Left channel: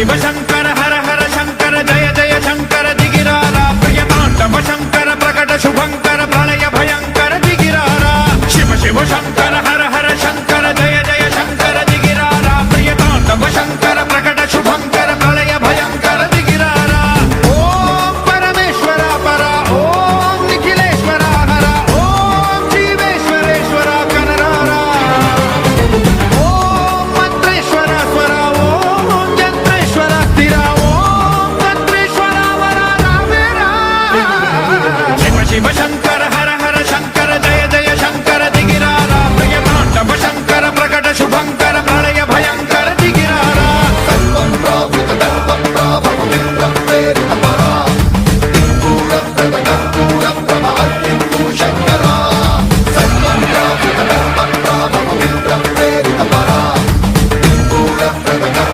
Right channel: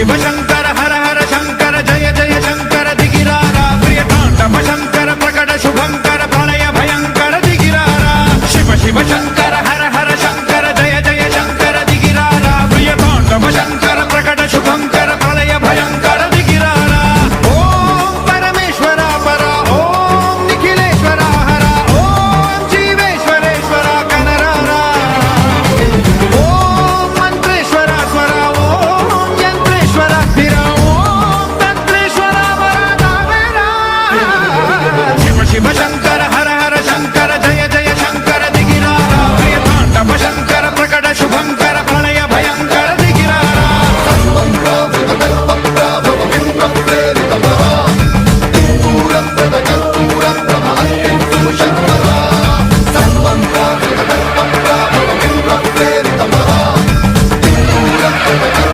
शिव शंकर हर हर शंकर जय जय शंकर दिगिरारा प्रिय तांडव शंकर प्रकट शुभंकर प्रणय भयंकर दिगिरारा शिव शिव शंकर